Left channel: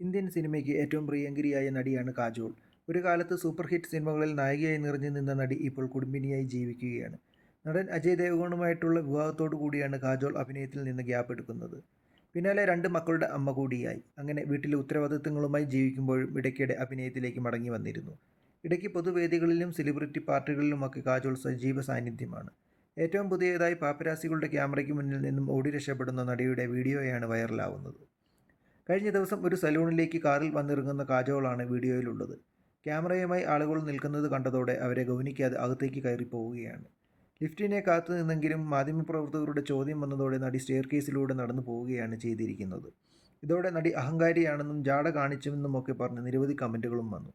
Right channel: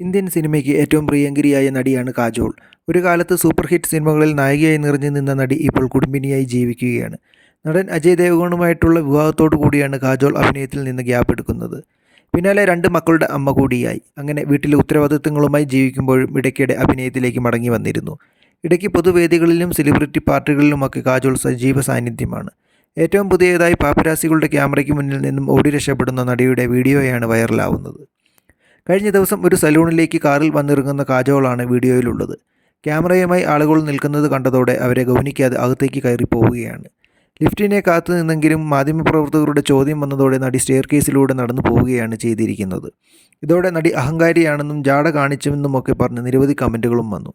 Indian സിനിമയ്ക്ക് ഏറ്റവും പ്രിയങ്കരിയായ നടിയാണ് കാജോൾ. ഒരു കാലത്ത് സൂപ്പർ ഹിറ്റ് സിനിമകളിൽ നായികയായി നിറഞ്ഞു നിന്ന നടി ഇപ്പോൾ കുടുംബിനിയായി ജീവിക്കുകയാണ്. നടൻ അജയ് ദേവഗണുമായിട്ടുള്ള വിവാഹത്തോടു കൂടിയാണ് കാജോൾ അഭിനയത്തിൽ നിന്ന് ഗ്യാപ്പ് എടുക്കുന്നത്. പിന്നാലെ രണ്ട് മക്കളുടെ അമ്മ കൂടിയായി. അങ്ങനെ വീട്ടിലെ ഉത്തരവാദിത്തങ്ങളുമായി ജീവിക്കുമ്പോഴും ഇടയ്ക്കിടെ അഭിനയത്തിലേക്ക് മടങ്ങി വന്നിരുന്നു. ഇടയ്ക്ക് പൊതുവേദികളിലും സെലിബ്രിറ്റി പാർട്ടികളിലുമൊക്കെ കാജോൾ സജീവ സാന്നിധ്യമാണ്. ഏറ്റവും പുതിയതായി പാപ്പരാസികളുടെ ക്യാമറയ്ക്ക് മുന്നിൽ നിന്നും ഓടി രക്ഷപ്പെടുന്ന നടിയുടെ വീഡിയോയാണ് വൈറലാവുന്നത്. കഴിഞ്ഞ ദിവസം ഒരു സലൂണിലേക്ക് കാറിൽ വന്നിറങ്ങുന്ന കാജോളാണ് വീഡിയോയിലുള്ളത്. ക്യാമറയുമായി ആളുകൾ നിൽക്കുന്നത് കണ്ടതോടെ അവരെ ഗൗനിക്കാതെ അകത്തേക്ക് കയറി പോവുകയാണ് ലിഫ്റ്റിനെ കാത്തു നിന്നെങ്കിലും മാധ്യമപ്രവർത്തകരുടെ ചോദ്യം വന്നതോടെ നടി സ്റ്റെയർ കേസിലൂടെ നടന്നു പോവുകയാണ് ചെയ്തിരിക്കുന്നത്. ഇതോടെ നടി അഹങ്കാരിയാണെന്നും ജാട കാണിച്ചുവെന്നുമൊക്കെ പറഞ്ഞ് നിരവധി കമന്റുകളും വന്നു.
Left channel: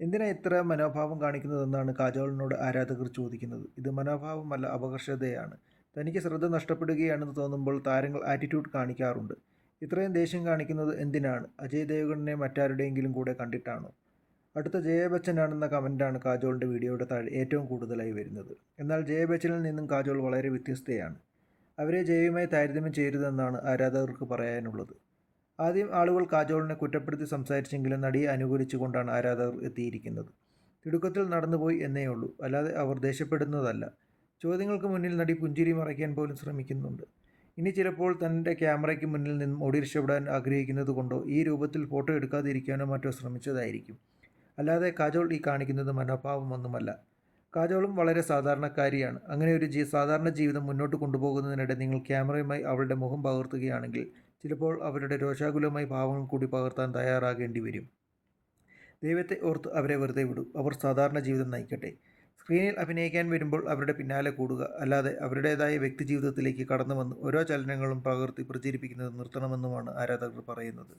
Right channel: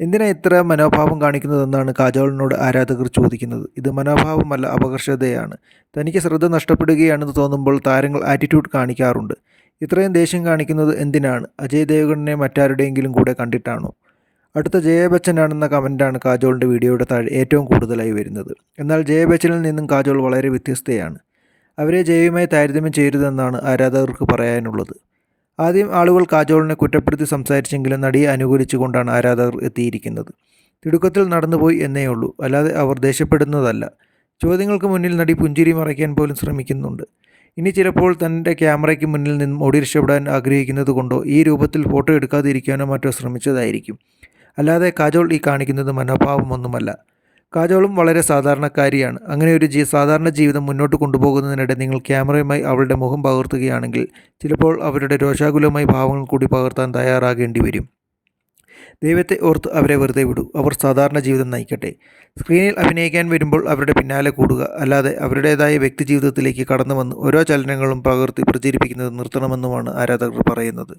എന്തിനാ ഇത്ര മനോഭാവം കാണിക്കുന്നതെന്നാണ് കാജോളിനോട് ആരാധകർ ചോദിക്കുന്നത്. ഇത് മനോഭാവമല്ല അപകർഷതയാണ്. തനിക്ക് ശ്രദ്ധ നഷ്ടപ്പെടുകയാണെന്ന് തോന്നുമ്പോൾ താരങ്ങൾ ആറ്റിറ്റ്യൂഡ് കാണിക്കാറുണ്ട്. ഇത്രയും ദേഷ്യം കാണിക്കുന്നത് എന്തിനാണ്? അജയ് ദേവഗണിനെ മറ്റാരുടെയെങ്കിലും കൂടെ കണ്ടിട്ടാണോ? അടുത്ത ജയ ബച്ചനാണെന്ന കമന്റാണ് കാജോളിന്റെ വീഡിയോയുടെ താഴെ ഏറ്റവും കൂടുതലായി വരുന്നത്. എന്നാൽ ജയബച്ചനിൽ നിന്നും കാജോൾ വളരെ വ്യത്യസ്തയാണ്. അവരെ ജയവുമായി താരതമ്യം ചെയ്യരുതെന്നാണ് ആരാധകർക്ക് പറയാനുള്ളത്. ആദ്യം ആളുകൾ കാജോളിനെ കുറ്റപ്പെടുത്തി സംസാരിച്ചെങ്കിലും നടിയെ അനുകൂലിച്ചുകൊണ്ടാണ് ആരാധകർ എത്തിയിരിക്കുന്നത്. തിടുക്കത്തിൽ നടന്നുപോയി എന്നേ ഉള്ളൂ. അല്ലാതെ അവർ ദേഷ്യപ്പെടുന്നതല്ല. ചോദ്യങ്ങൾക്ക് മുന്നിൽ നടി പുഞ്ചിരി മറയ്ക്കാൻ പോലും ശ്രമിക്കുന്നുണ്ട്. ഇനി ചിലപ്പോൾ തന്റെ ക്യാമറയ്ക്ക് മുന്നിൽ നിന്നും ഓടി രക്ഷപ്പെടാൻ ആഗ്രഹിക്കുന്നത് കൊണ്ടോ ഈ രൂപത്തിൽ ഫോട്ടോ എടുക്കാതിരിക്കാനോ മറ്റോ ശ്രമിച്ചതായിരിക്കും. അല്ലാതെ കാജോൾ ഈ കാണിക്കുന്നത് മനോഭാവമൊന്നുമല്ല. കാജോളും വളരെ സാധാരണക്കാരിയാണ്. അങ്ങനെ ഒരു ജീ സാധാരണ ജീവിതം മുന്നോട്ട് കൊണ്ടുപോകുന്നതിനിടെ നിങ്ങൾ ക്യാമറയുമായി അവളുടെ മുഖം പകർത്തുകയാണെങ്കിൽ ചിലപ്പോൾ അവരുടെ രോഷാകുലമായ ഭാവങ്ങൾ കൂടി പകർത്താൻ തയ്യാറാകേണ്ടി വരും ദൈവത്തെ ഓർത്ത് അവരെ വെറുതെ വിടൂ. അവർ സാധാരണ ജീവിതം നയിക്കട്ടെ. സ്ക്രീനിൽ അഭിനയിക്കാൻ വരുമ്പോൾ അവരുടെ പിന്നാലെ കൂടുക. അല്ലാതെ അവരുടേതായ വ്യക്തി ജീവിതത്തിലേക്ക് കടന്നു വന്ന് ഓരോ ചലനങ്ങളും പകർത്തി പ്രചരിപ്പിക്കുന്നത് നിർത്തണമെന്നുമാണ് ആരാധകർ പറയുന്നത്.